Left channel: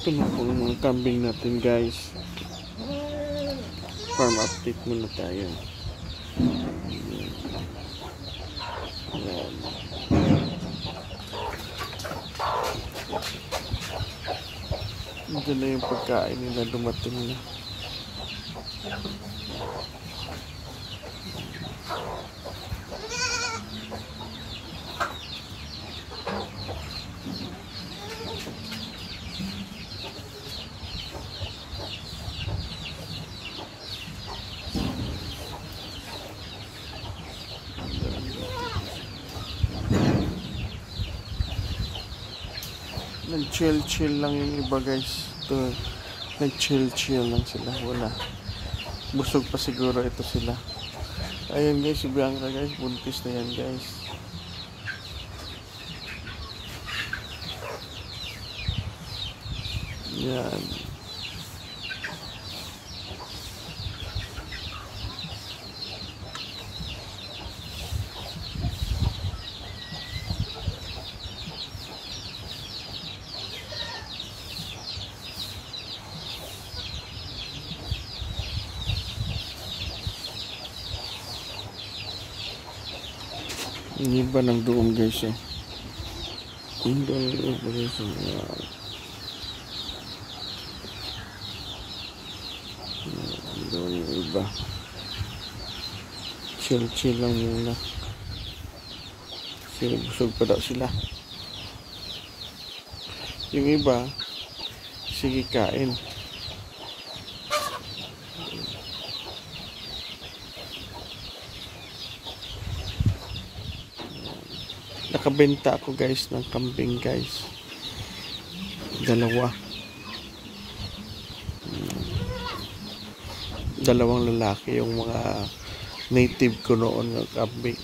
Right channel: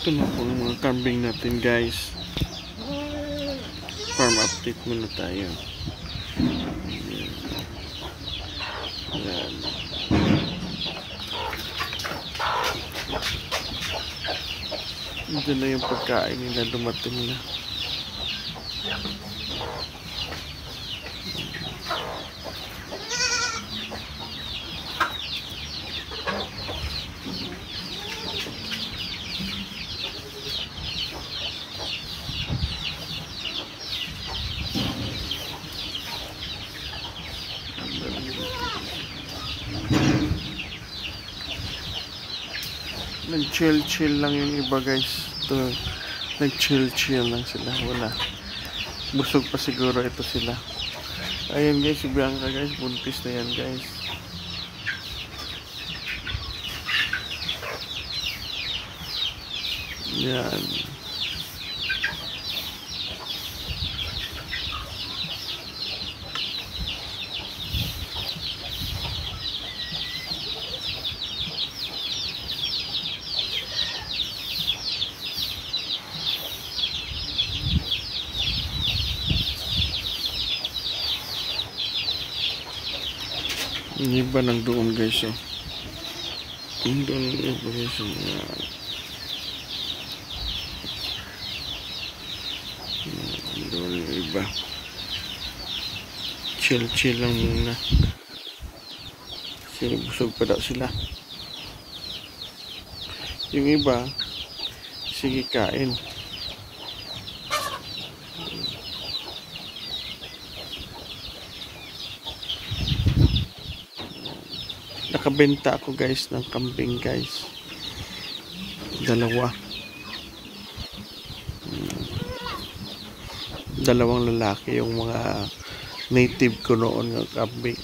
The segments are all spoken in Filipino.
Ito na po ang mga kambing natin, guys. Farm update muna tayo. Ayan. Ito na yung pagkain nila, dumating na. Nag-chill lang yung iba, guys. Ito, nag-chill lang sila. Wala. Busog pa siguro ito sila. Ayan, guys, si Bianca, guys. Buntis na yan, guys. Yan. Yung iba nang doon, guys, oh. Yung doon yung iba, guys, oh. Doon yung iba. Chill lang muna. Kasi busog pa daw sila. Yung iba, sige kain. Nakabenta ako, guys, ng kambing, guys. Dalawang lalaki yung mga native ko noon ng kambing.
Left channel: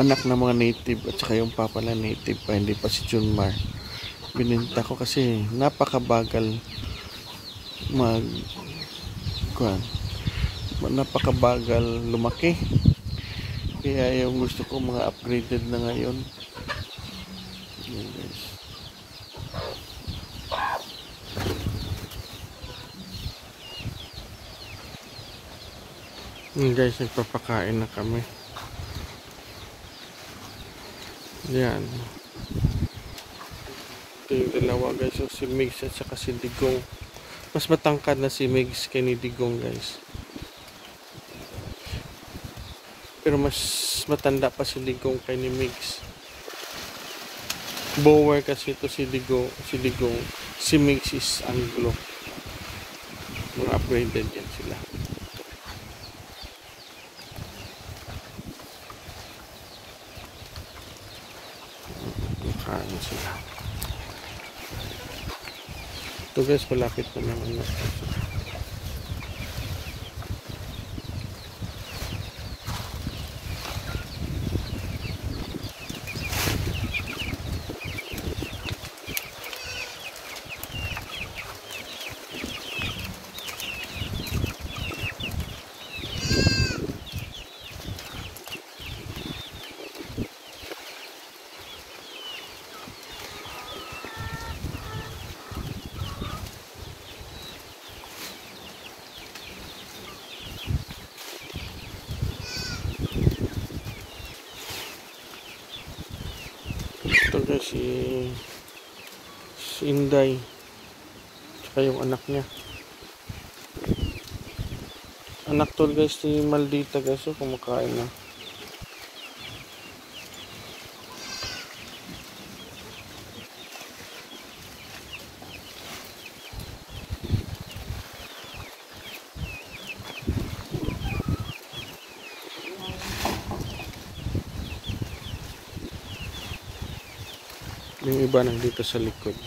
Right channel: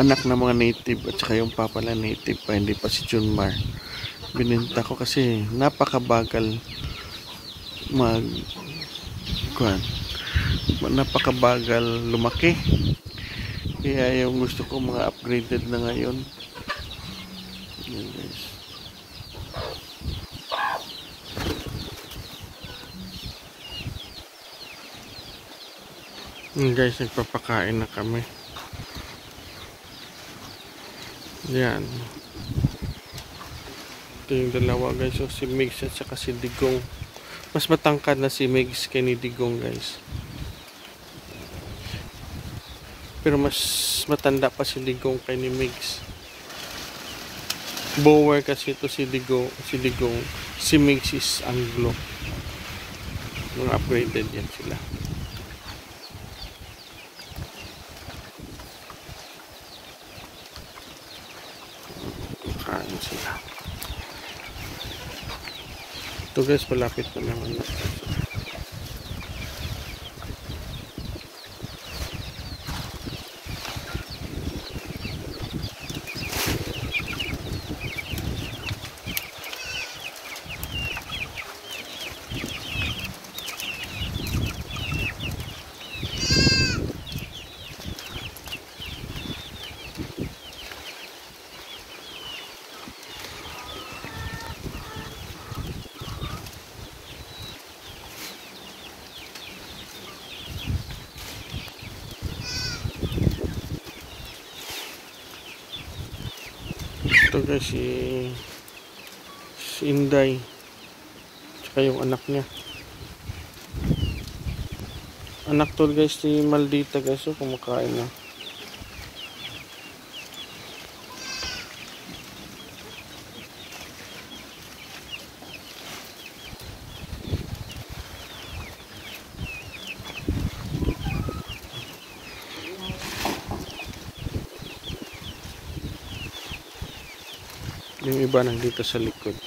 Anak ng mga native at saka yung papa na native pa, hindi pa si Junmar. Bininta ko kasi napakabagal napakabagal lumaki. Kaya yung gusto ko mga upgraded na ngayon. Yan, guys. Yan, guys, nagpapakain na kami. Yan. Ito yung dalawa, guys. So, si Migs at saka si Digong. Mas matangkad na si Migs kay ni Digong, guys. Pero mas matanda pa si Digong kay ni Migs. Bower kasi ito si Digong. Si Migs is Anglo. Mga upgraded yan sila. Kain sila. Ito, guys, malapit na naman na. Ito, guys, si Inday tsaka yung anak niya. Anak to, guys, si Maldita, guys. So kumakain na. Yung iba nandito sa likod.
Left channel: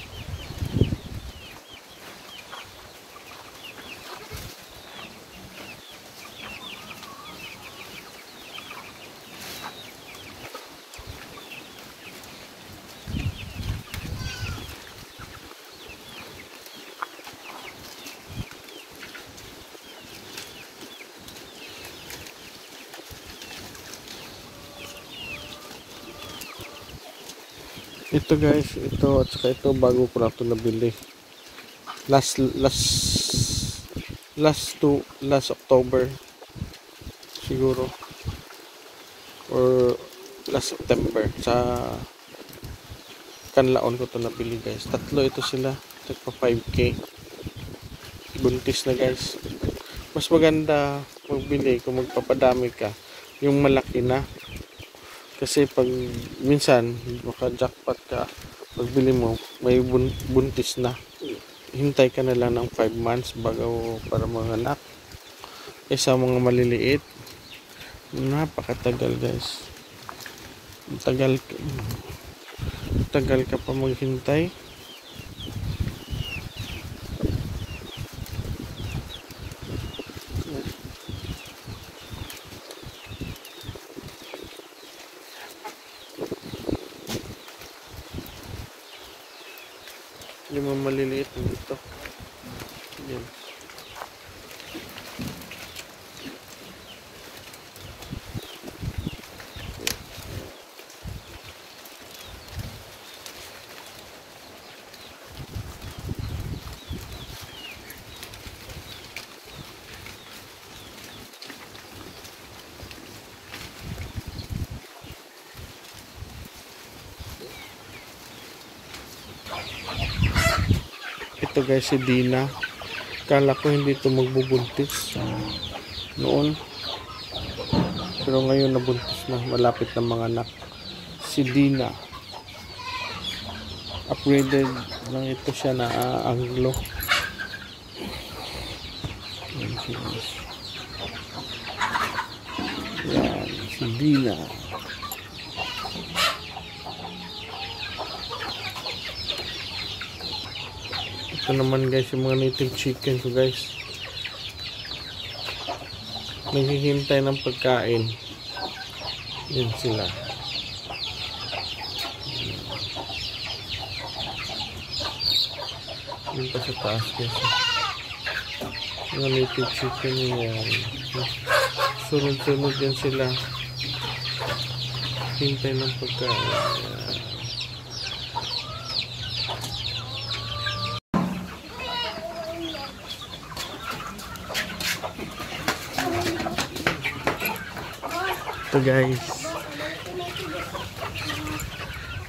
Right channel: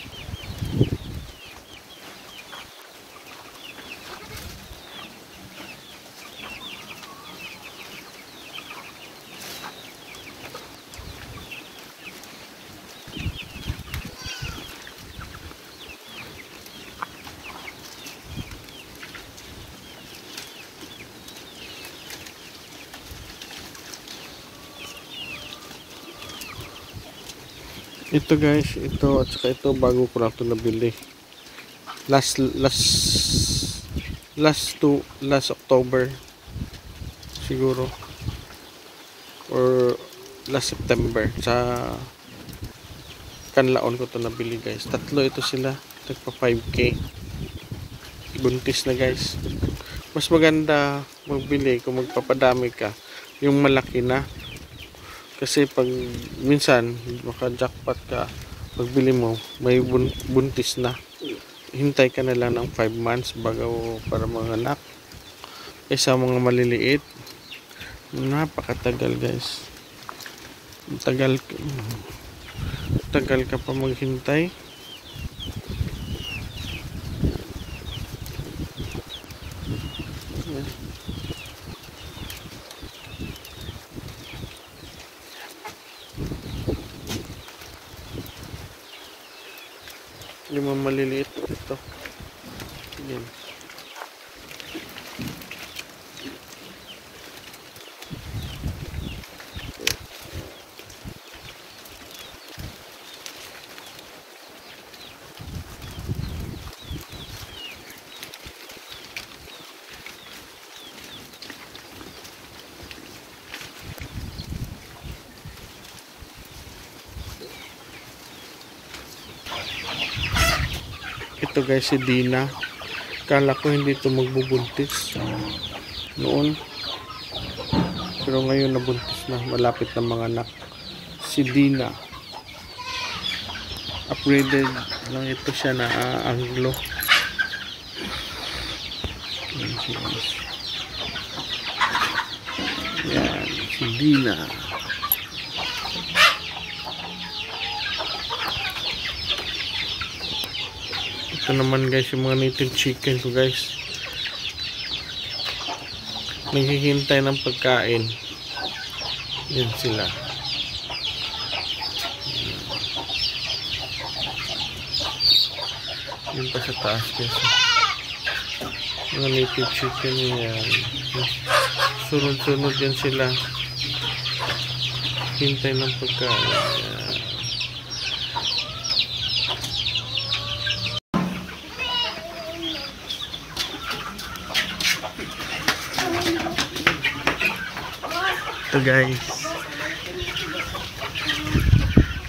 Ito, guys, ito at saka ito bago ko lang ito nabili. last last October siguro, or last September. Sa Kanlaon ko to nabili guys. Tatlo ito sila, tagpa 5K. Buntis na guys. Mas maganda magbili kung magpapadami ka yung malaki na, kasi pag minsan maka-jackpot ka, pagbili mo may buntis na, hintay ka na lang ng 5 months bago para mga anak. Kaysa mga maliliit, napakatagal guys. Tagal ka pa maghintay. Yung mga maliliit ito. Yan. Ito guys, si Dina. Kala ko hindi ito magbubuntis noon, pero ngayon nabuntis na, malapit na mga anak. Si Dina, upgraded lang ito siya na Anglo. Yan, si Dina. Ito naman guys, yung mga native chicken ko guys, naghihintay ng pagkain. Yan sila. Yun pa sa taas guys, mga native chicken yan. Sunod-sunod yan sila, hintay ng pagkain. Yan.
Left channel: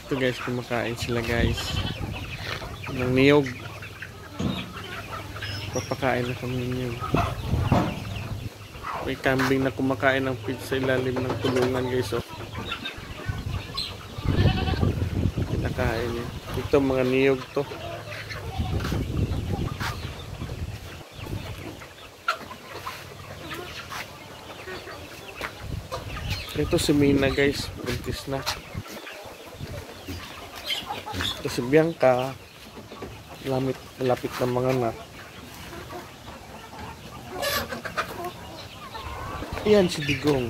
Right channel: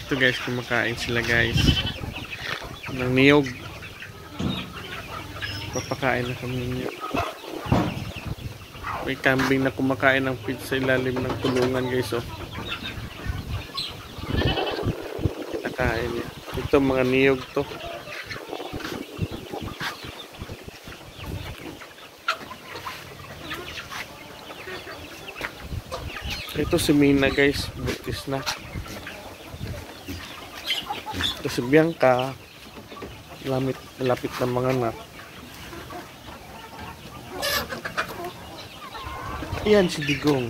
Ito guys, kumakain sila guys ng niyog. Papakain na kami ng niyog. May kambing na kumakain ng feed sa ilalim ng tulungan guys, oh. Kinakain niya. Ito mga niyog to. Ito si Mina guys, buntis na. Ito si Bianca, malapit na mga anak. Ayan si Digong.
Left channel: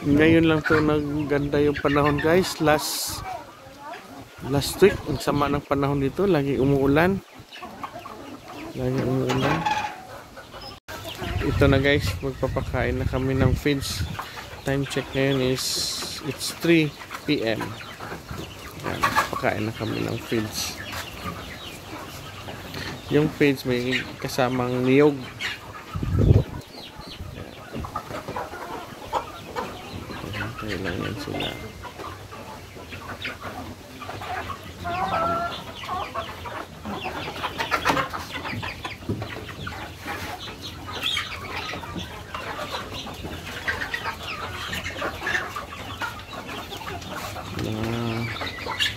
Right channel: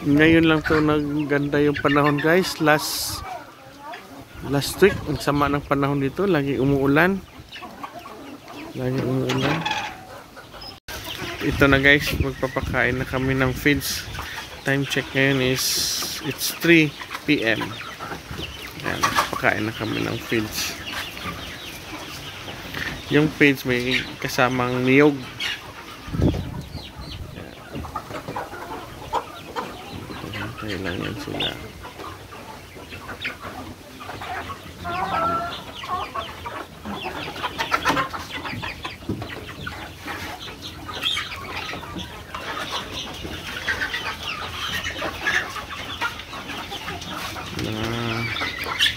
Ngayon lang to nagganda yung panahon guys. Last week ang sama ng panahon dito, lagi umuulan. Ito na guys, magpapakain na kami ng feeds. Time check ngayon is it's 3 PM. Yan, pakain na kami ng feeds. Yung feeds may kasamang niyog. Lang yan sila. Na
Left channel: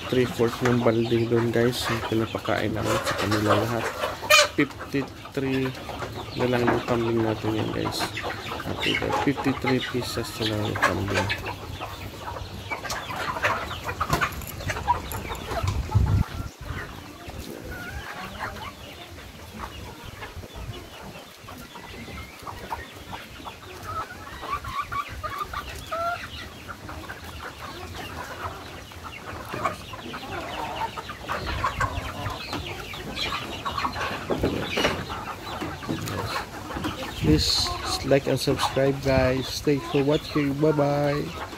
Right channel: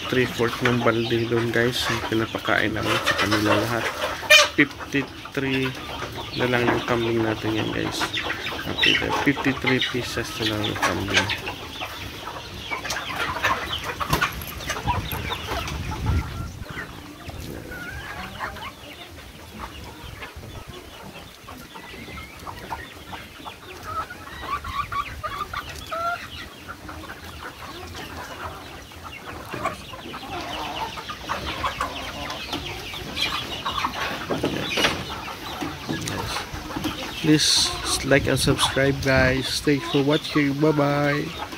3/4 ng balde doon guys, yung pinapakain namin sa kanila lahat. 53 na lang yung kambing natin yan guys. Okay, 53 pieces na lang yung kambing. Yes. Please like and subscribe guys. Thanks for watching. Bye bye.